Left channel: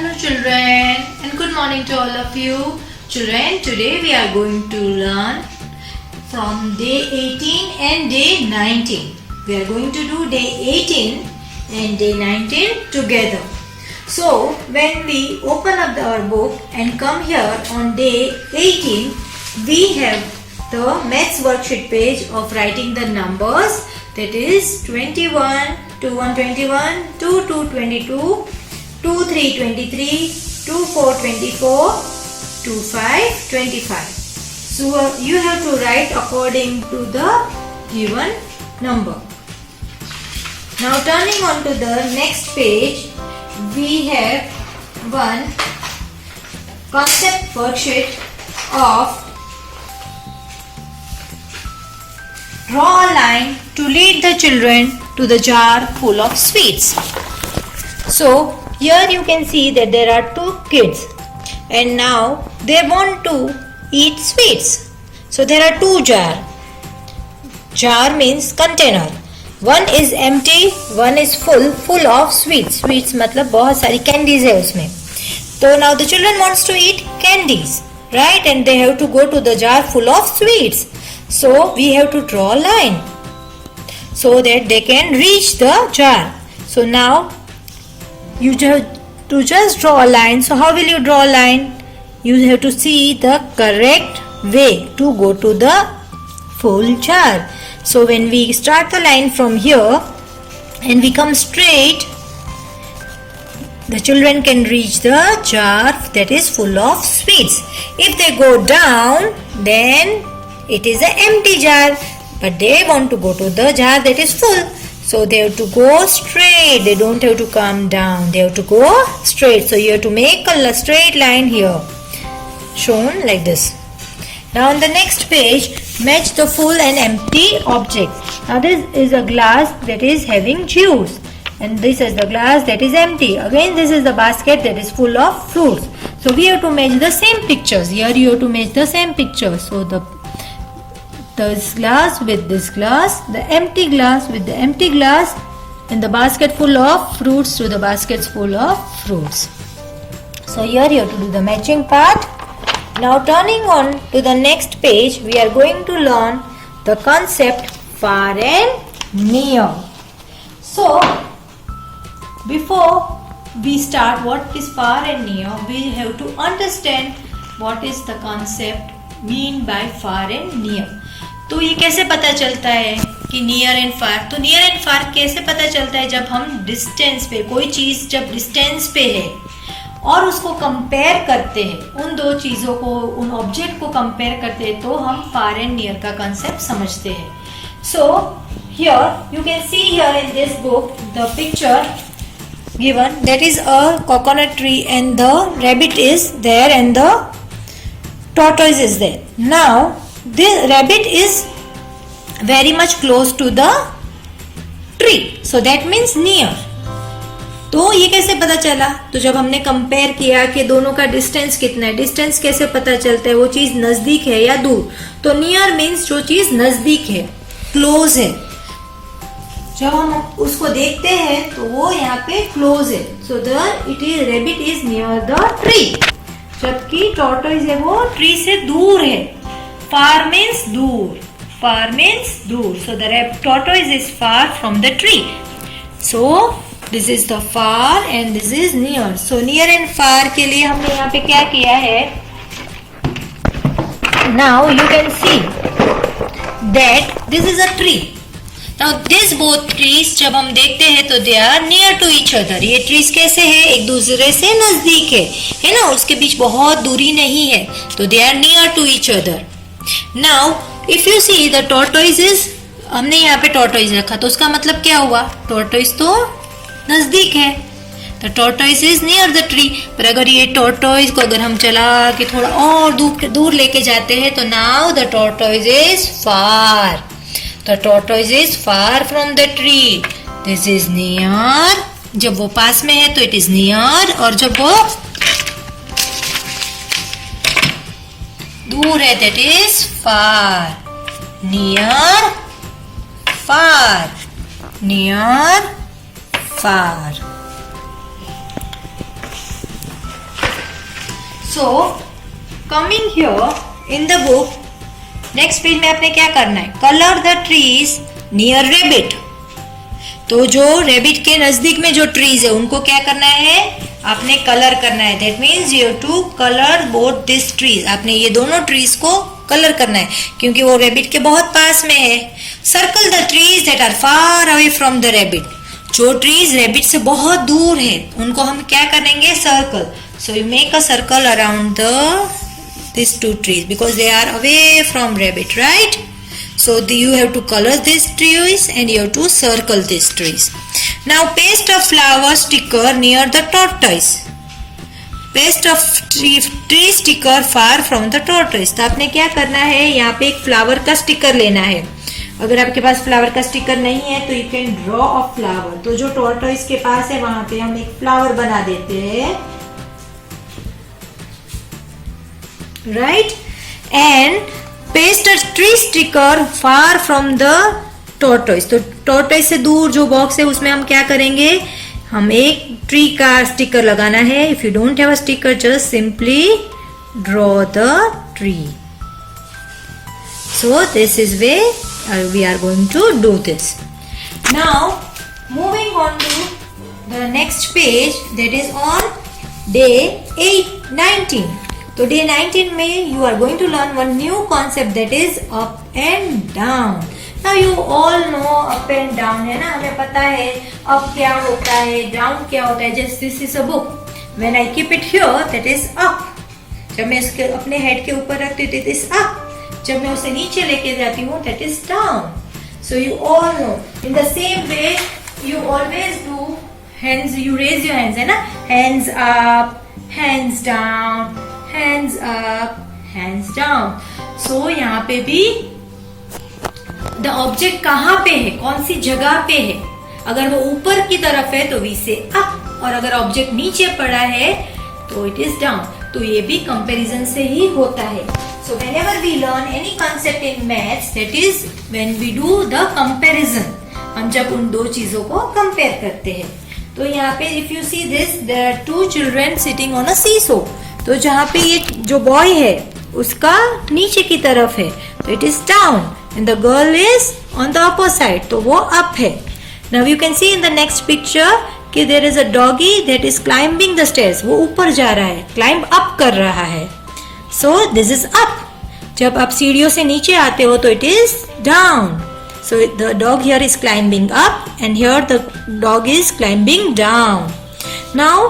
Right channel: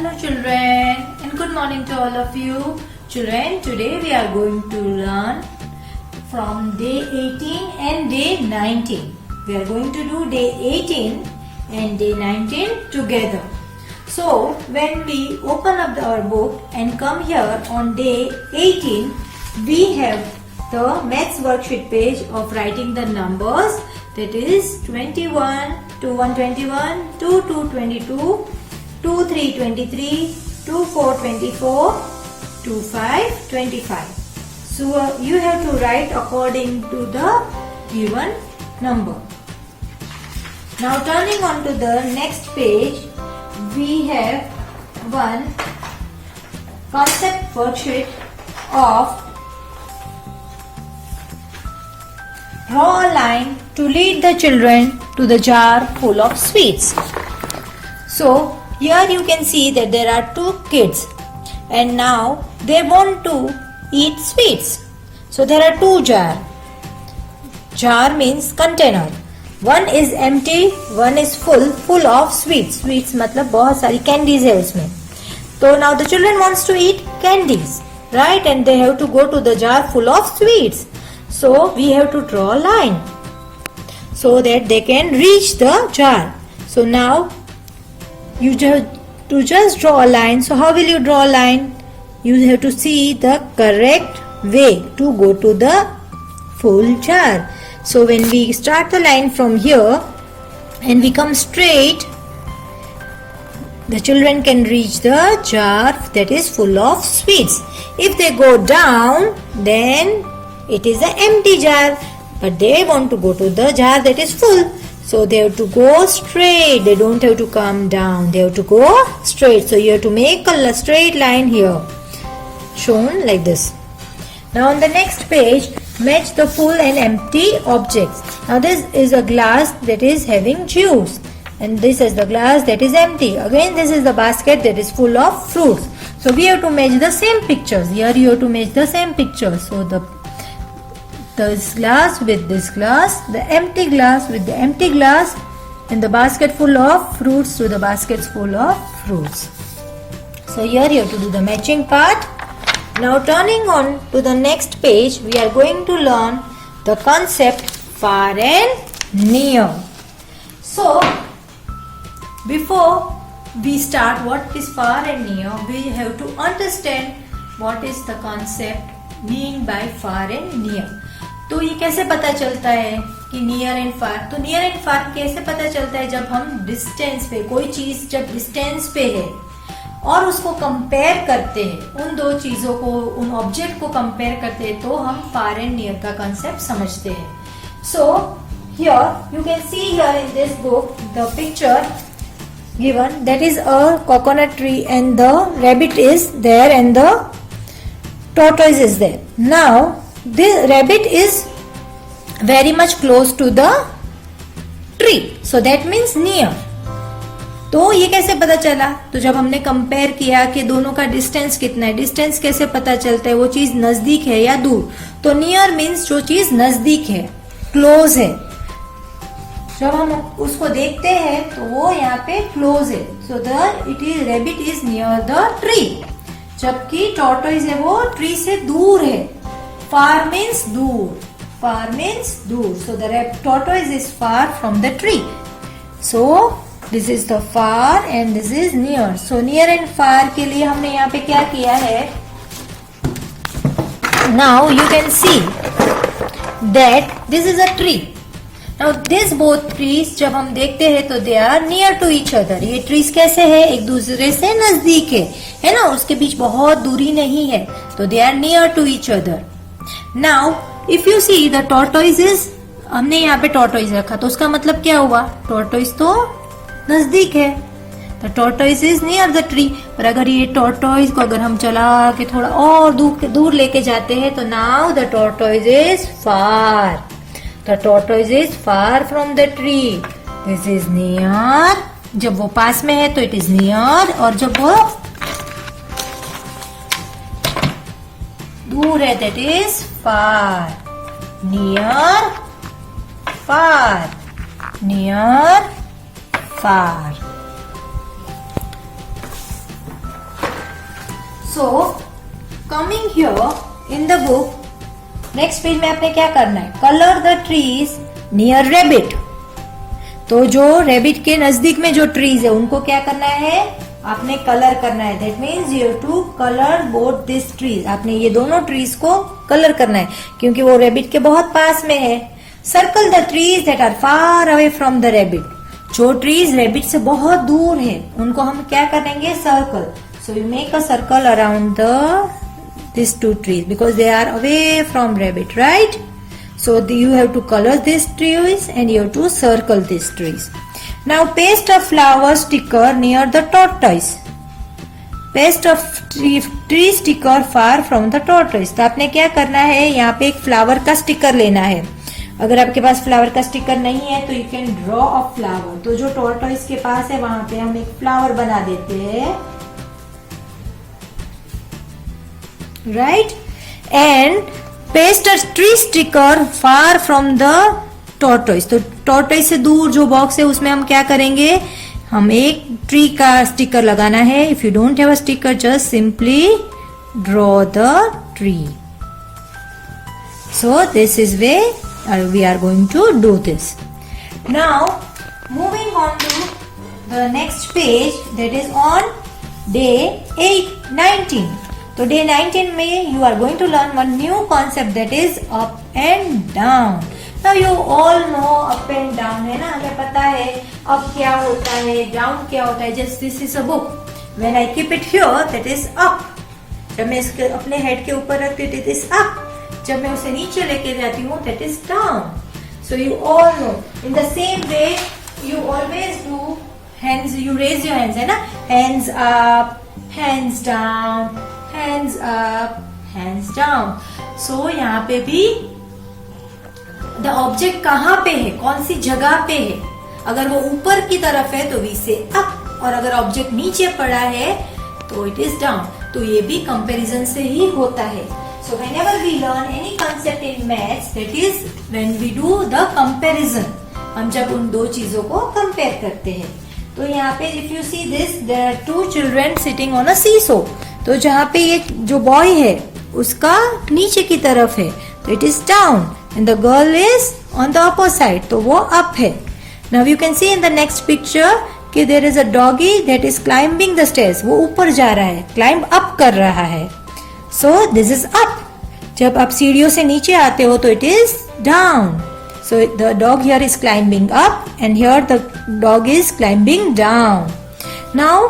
Hello children and good morning to all of you. Children, today we are going to learn from day 18 and day 19. We are going to do day 18 and day 19 together. So when we open up our book and come here on day 18, we have the maths worksheet page of writing the numbers, that is 21 to 121, 2 to 22, 2 3 23, 2 4 24, 2 5 25. So you have to write according to the given number. Now turning on to the next page, we have one concept worksheet of draw a line to lead the children to the jar full of sweets. So here you can see that there are two kids and now they want to eat sweets. So there are two jars. Jar means container. One is empty, one is full of sweets. Sweets मतलब बहुत सारी candies है उसमें. So now the children wants to eat candies, right? And they have to go to the jar full of sweets. So we have to draw a line so that they can reach the jar. So now you just draw a line. So how will you draw a line? You have to see the correct way to go to the full jar. So when we start the line from here and we come straight, the children can reach the jar that is full of sweets. If they go down, then it is an empty jar, but they want to go to the jar that is full. So they have to go straight. They don't have to come down. They have to go straight. So you have to make a straight line here, shown like this. Now on the next page, match the full and empty objects. Now this is a glass that is having juice, and this is the glass that is empty. Again, this is the basket that is full of fruits. So we have to match the same pictures. Here you have to match the same pictures. So this glass with this glass, the empty glass with the empty glass, and the basket full of fruits to the baskets full of fruits. So here you have to do the matching part. Now turning on to the next page, we are going to learn the concept far and near. So before we start what is far and near, we have to understand what is the concept mean by far and near. तो ये कैसे पता चलता है कि near and फार? तो near and फार कैसे पता चलता है? जब हम डिस्टेंस पे, कोई चीज जब डिस्टेंस पे है और उसको कंपेयर करते हैं, उन दो चीजों को, उन ऑब्जेक्ट को कंपेयर करते हैं, तो हम फार एंड नियर का कंसेप्ट समझते हैं. So here you can see here in this book the picture given, that is a coconut tree and the rabbit is there and the tortoise is there. Now the rabbit is very much close to the tree, so that means near. तो ये कैसे पता चला? तो जब हमने compare किया कि दोनों का डिस्टेंस कितना है, डिस्टेंस कैसे पता चलता है, वो चीज नजदीक है या दूर? तो नियर मीन्स जो चीज नजदीक है, क्लोज है. जब हम उसको देखते हैं तो वो यहाँ पे क्लोज है. So rabbit is near the tree, जबकि टॉर्टोइज है वो ट्री से दूर है. फार मीन्स दूर, फार मीन्स दूर. So the tortoise is far from the tree. So this is the far and this is near. So near and far के लिए हमने यहाँ पे क्या किया है? Now you can see that this is a tree. Now this both trees जब हम देखते हैं तो they are near to each other. ये trees कैसे है? एक दूसरे से नजदीक है ना? उसके बीच बहुत दूरी नहीं है, तो they are near to each other. Now if you see the tortoise is, हमने यहाँ पे tortoise रखा तो उसका मतलब क्या हुआ? tortoise तो नजदीक है, the tortoise is near the tree. पर अगर ये tortoise को अगर हम चला के थोड़ा और दूर लेके जाते हैं तो now the tortoise is far. The tortoise is far from the tree. This is near. जब वो पास में है तो it is near, और जब वो दूर है that is far. Near, far. Near, far. So coming here in the book, next page में आपने क्या करना है, color the trees near rabbit. तो जो रेबिट के नजदीक में जो ट्रीज है उनको क्या करना है, आपने कलर करना है. That means you have to colour both this trees. आपने ये दोनों ट्रीज को कलर करना है क्योंकि वो रेबिट के बहुत पास में है. Circle the trees that are far away from the rabbit. जो ट्रीज रेबिट से बहुत दूर है उनको हम क्या करेंगे, circle. So you make a circle around these two trees because they are away from rabbit, right? So you have to color these trees and you have to circle these trees. Now paste a flower sticker near the tortoise. Paste a tree sticker far from the tortoise. तो आपने क्या करना है, यहाँ पे एक flower का sticker लेना है. अगर आपके पास फ्लावर का स्टिकर नहीं है तो you can draw a flower. तो जो टॉर्टोइस के पास है वहां पे हम एक फ्लावर बना देते हैं, right? And paste a tree sticker far from the tortoise. तो tortoise से दूर जो बॉक्स है उसमें हम क्या करेंगे, हम एक ट्री का स्टिकर लगाना है. If you don't have a sticker, just simply draw the tree. So this is where we are going to do this. Now moving on to the next page, that is on day 19. तो day 19 में you are going to learn one new concept, that is up and down. Now you all know up and down, है ना, हमें पता है up क्या होता है, down क्या होता है. Just this is a book. When I keep it here, that is up. जब मैं इसके अपने हेड के ऊपर रखती हूँ, that is up. जब मैं उसे नीचे लेके जाती हूँ, that is down. So you all know. In the same way, you always do hands. You raise your hands, है ना, hands up, hands down, hands up, hands down. So यहाँ पे भी the object कहाँ पे है, कौन सी जगह पे है. अगर वो ऊपर की तरफ है तो we say up, और अगर ऑब्जेक्ट नीचे पड़ा है तो it is down. तो ये भी कंपैरिजन से ही होता है. So whenever we learn any concept in maths, that is when we do the comparison. हम जब उन दो चीजों को कंपेयर करते हैं. तो यहाँ पे if you see this, there are two children sitting on a seesaw. तो जहाँ पे ये जो बॉय है उसका नीचे की तरफ है तो it is down, and the girl is on the upper side, तो वो अप है. Now you can see in the next picture कि there is a doggy that is climbing the stairs. वो ऊपर जा रहा है, क्लाइंब अप कर रहा है. सो दिस इज अप. जब आप सीढ़ियों से नीचे आते हो तो it is down. So the dog here is climbing up and here the dog is climbing down. Now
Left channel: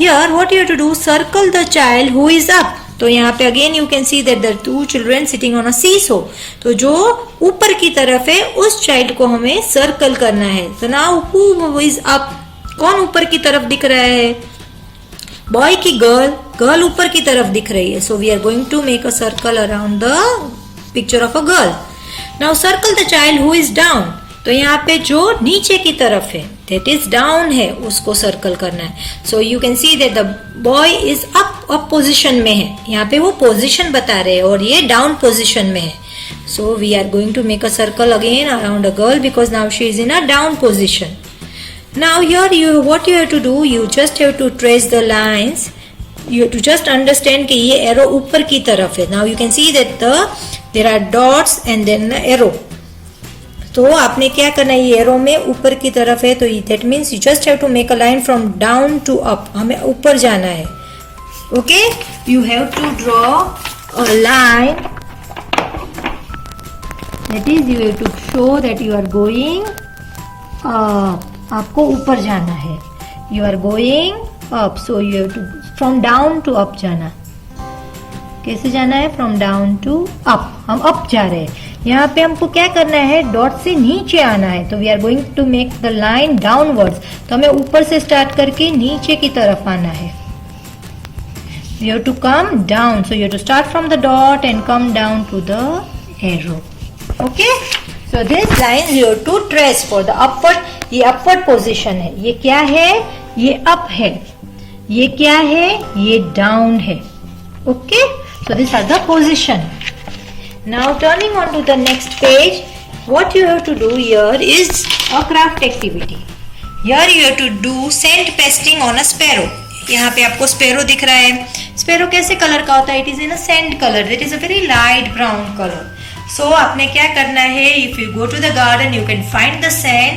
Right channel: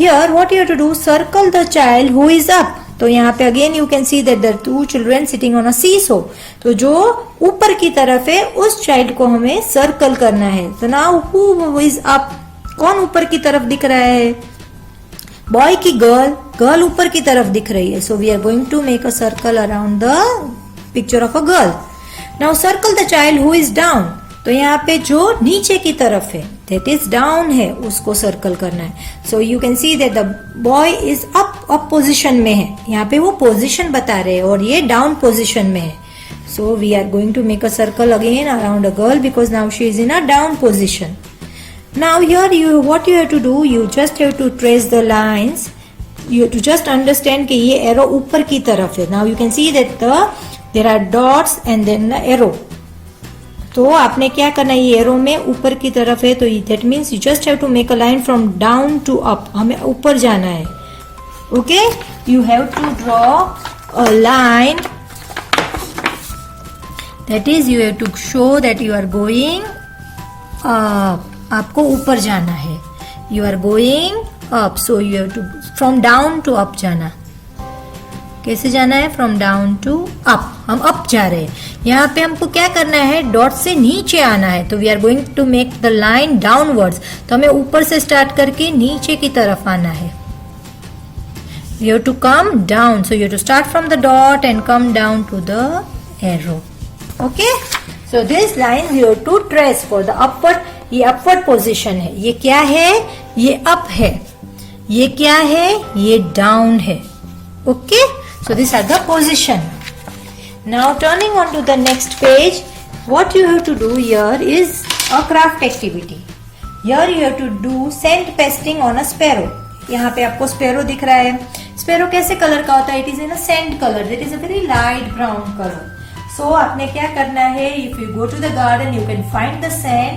here what you have to do, circle the child who is up. तो यहाँ पे again you can see that the two children sitting on a seesaw. तो जो ऊपर की तरफ है उस child को हमें circle करना है. So now who is up? कौन ऊपर की तरफ दिख रहा है, बॉय की गर्ल, गर्ल ऊपर की तरफ दिख रही है. So we are going to make a circle around the picture of a girl. Now circle the child who is down. तो यहाँ पे जो नीचे की तरफ है that is down है उसको सर्कल करना है. So you can see that the boy is up position में है. यहाँ पे वो पोजिशन बता रहे हैं और ये डाउन पोजिशन में है. So we are going to make a circle again around a girl because now she is in a down position. Now here what you have to do, you just have to trace the lines. You have to just understand कि ये arrow ऊपर की तरफ है. Now you can see that there are dots and then the arrow. तो आपने क्या करना है, ये एरो में ऊपर की तरफ है तो that means you just have to make a line from down to up. हमें ऊपर जाना है. Okay, you have to draw a line, that is you have to show that you are going up. आपको ऊपर जाना है, you are going up. So you have to from down to up जाना. कैसे जाना है, फ्रॉम डाउन टू अप. हम up जा रहे हैं. यहाँ पे हमको क्या करना है, डॉट से नीचे आना है. तो we are going to make the line downwards. तो हमें ऊपर से स्टार्ट करके नीचे की तरफ आना है. You have to come down. So you have to start from the dot and come down to the arrow. Okay, so this line you have to trace for the upward. ये upward position है. ये क्या है, ये up है. ये क्या है, ये डाउन है. Okay, so these are the position. Now turning on to the next page, what you have to do here is a craft activity. Here you have to do scent pasting on a sparrow. यहाँ पे आपको sparrow दिख रहा है. Sparrow कैसे colour का होता है? It is in a sand colour, that is a very light brown colour. सो आपने क्या करना है? If you go to the garden you can find the sand,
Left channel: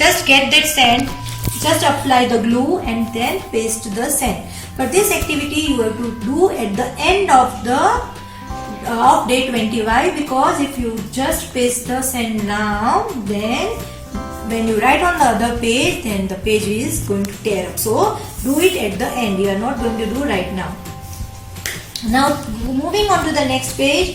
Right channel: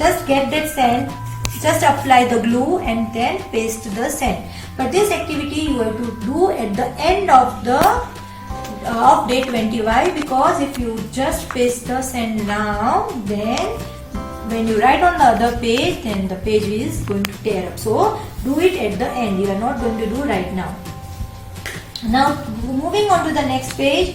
just get that sand, just apply the glue and then paste the sand. But this activity you have to do at the end of day 25, because if you just paste the sand now, then when you write on the other page, then the page is going to tear up. So do it at the end. You are not going to do right now. Now moving on to the next page,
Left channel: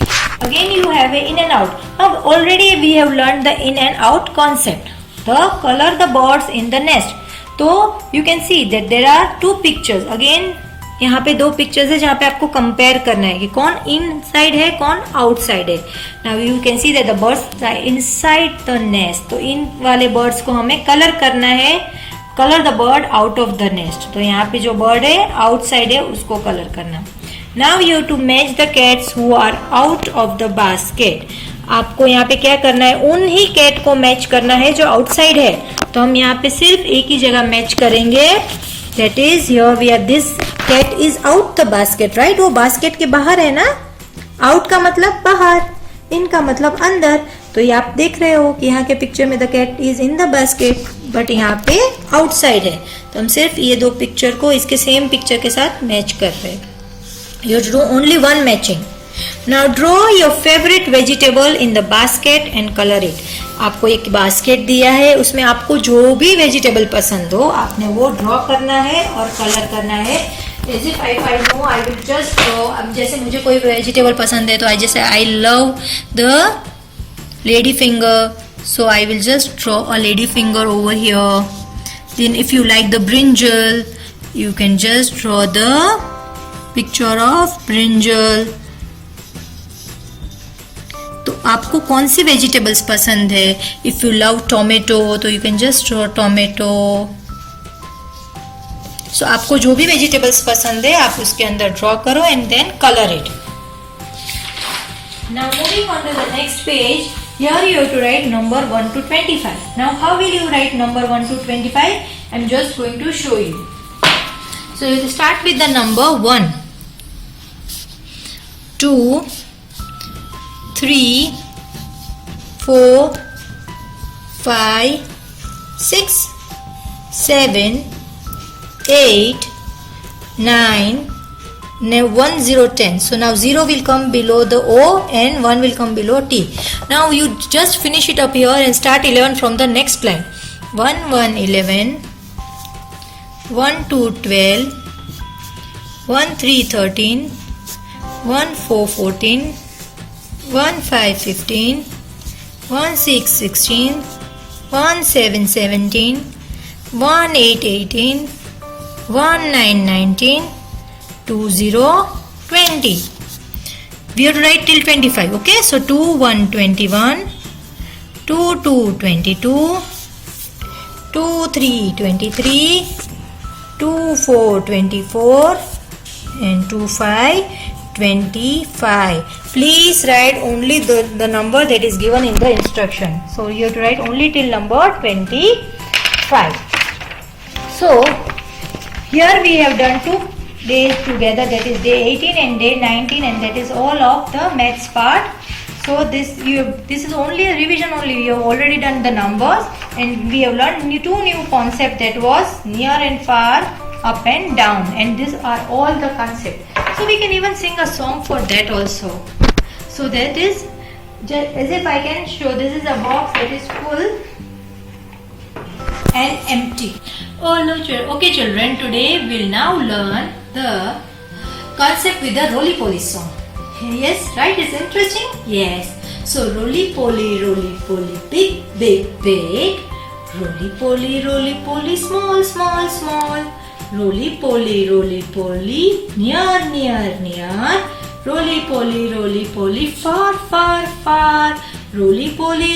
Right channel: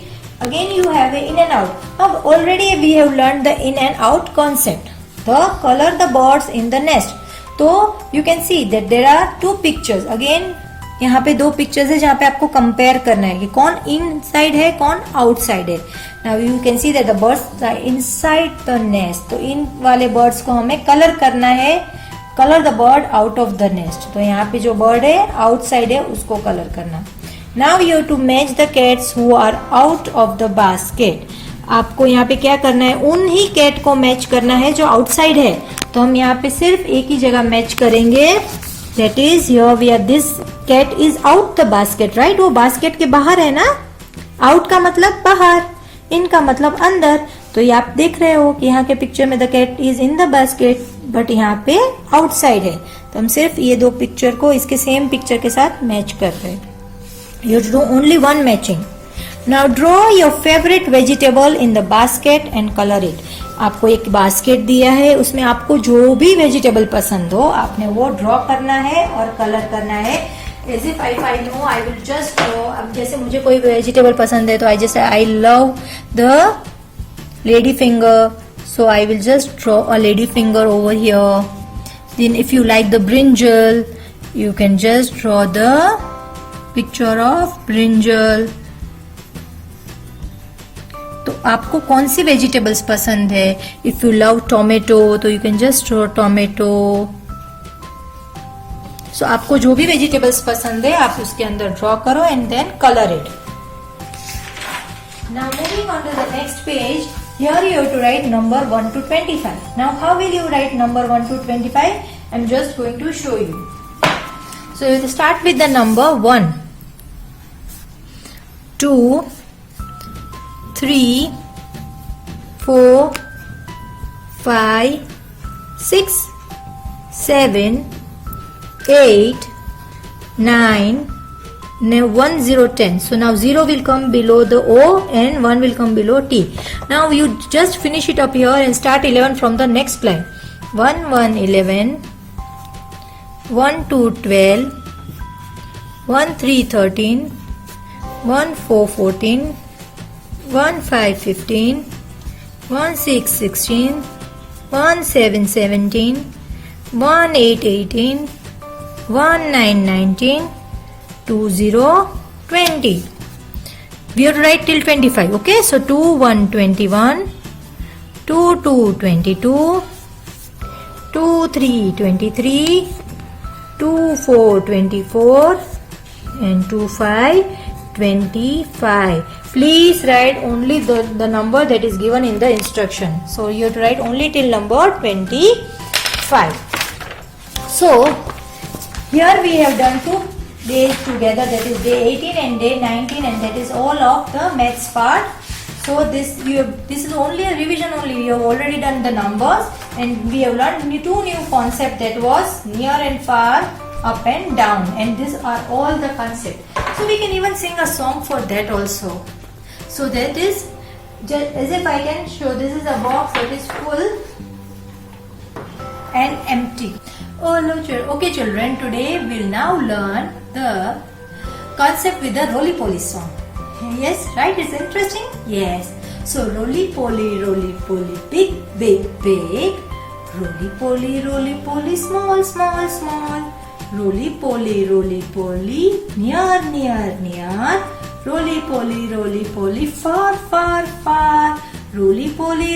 again you have a in and out. Now already we have learned the in and out concept. The color the birds in the nest. तो you can see that there are two pictures. Again यहाँ पे दो pictures है जहाँ पे आपको compare करना है कि कौन इन साइड है कौन आउटसाइड है. Now you can see that the birds inside the nest. तो इन वाले बर्ड्स को हमें कलर करना है, colour the bird out of the nest. तो यहाँ पे जो बर्ड है आउटसाइड है उसको कलर करना. Now you have to match the cats who are out of the basket. आपको यहाँ पे क्या करना है? उन ही कैट को मैच करना है जो आउटसाइड है. तो हम यहाँ पे सिर्फ एक ही जगह मैच करेंगे, that is here we are, this cat is out the basket, right. वो बास्केट के बाहर है ना. आउट का मतलब बाहर, इन का मतलब अंदर. तो ये आप देख रहे हो कि यहाँ के पिक्चर में the cat is in the basket, but यहाँ पे आउटसाइड है. तो हम सिर्फ ये दो पिक्चर को इसके सेम पिक्चर के साथ मैच कर रहे हैं. You do only one matching. Now draw your favorite vegetable in the basket and color it. आपको एक बास्केट दिया है, उसमें आपको जो भी वेजिटेबल पसंद हो आपने वो ड्रॉ करना है और कलर करना है. As if I know I will just draw. अब जैसे मुझे कोई वेजिटेबल पसंद है तो जैसे I love the lady finger, so I will just draw a lady finger over here. Then if you like the brinjal, you can just draw the picture of brinjal. तो आपको कौन सी वेजिटेबल्स पसंद है? If you love tomato तो you can just draw tomato. सो आपको जो भी वेजिटेबल्स पसंद है आप उसके अंदर ड्रॉ करो and then colour it. Now moving on to the next page, here you have to write number 1 to 25. Now how will you write number 1 to 25? I am just going to show you. So you start with the number 1, 2, 3, 4, 5, 6, 7, 8, 9, 1, 0, 10. So now 0 will come below the O and 1 will come below T. Now you just finish it up here and start 11 from the next line. 1, 1, 11, 1, 2, 12, 1, 3, 13, 1, 4, 14, 1, 5, 15, 1, 6, 16, 1, 7, 17, 1, 8, 18, 1, 9, 19, 2, 0, 20. We have to write till 25, okay? So 2, 1, 21, 2, 2, 22, 2, 3, 23, 2, 4, 24, and 2, 5, 25. Please write only the number that is given in the instruction. So you have to write only till number 25. So here we have done 2 days together, that is day 18 and day 19, and that is all of the maths part. So this is only a revision only. We have already done the numbers and we have learned 2 new concepts, that was near and far, up and down, and these are all the concepts. So we can even sing a song for that also. So that is just as if I can show, this is a box that is full and empty. Oh no, okay children, today we'll now learn the concept with the roly-poly song. Yes, right? It's interesting? Yes. So roly-poly, big, big, big. Roly-poly, small, small, small. Roly-poly, near, near, near. Roly-poly, far, far, far. Roly-poly,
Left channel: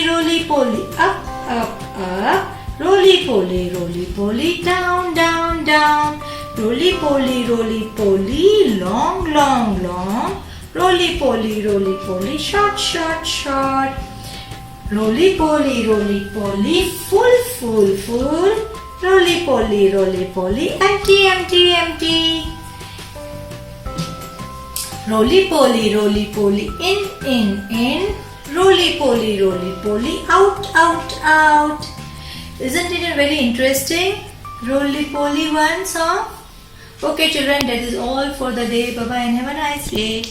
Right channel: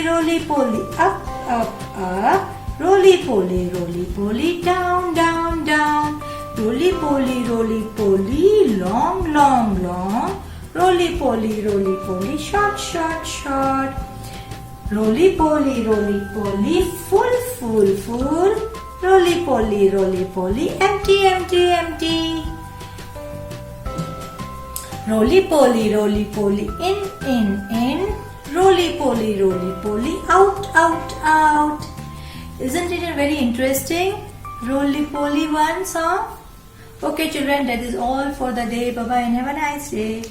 up, up, up. Roly-poly, down, down, down. Roly-poly, long, long, long. Roly-poly, short, short, short. Roly-poly, full, full, full. Roly-poly, empty, empty, empty. Roly poly, in. Roly poly, out, out. Isn't it a very interesting roly poly one song? Okay children, that is all for the day. Bye bye and have a nice day.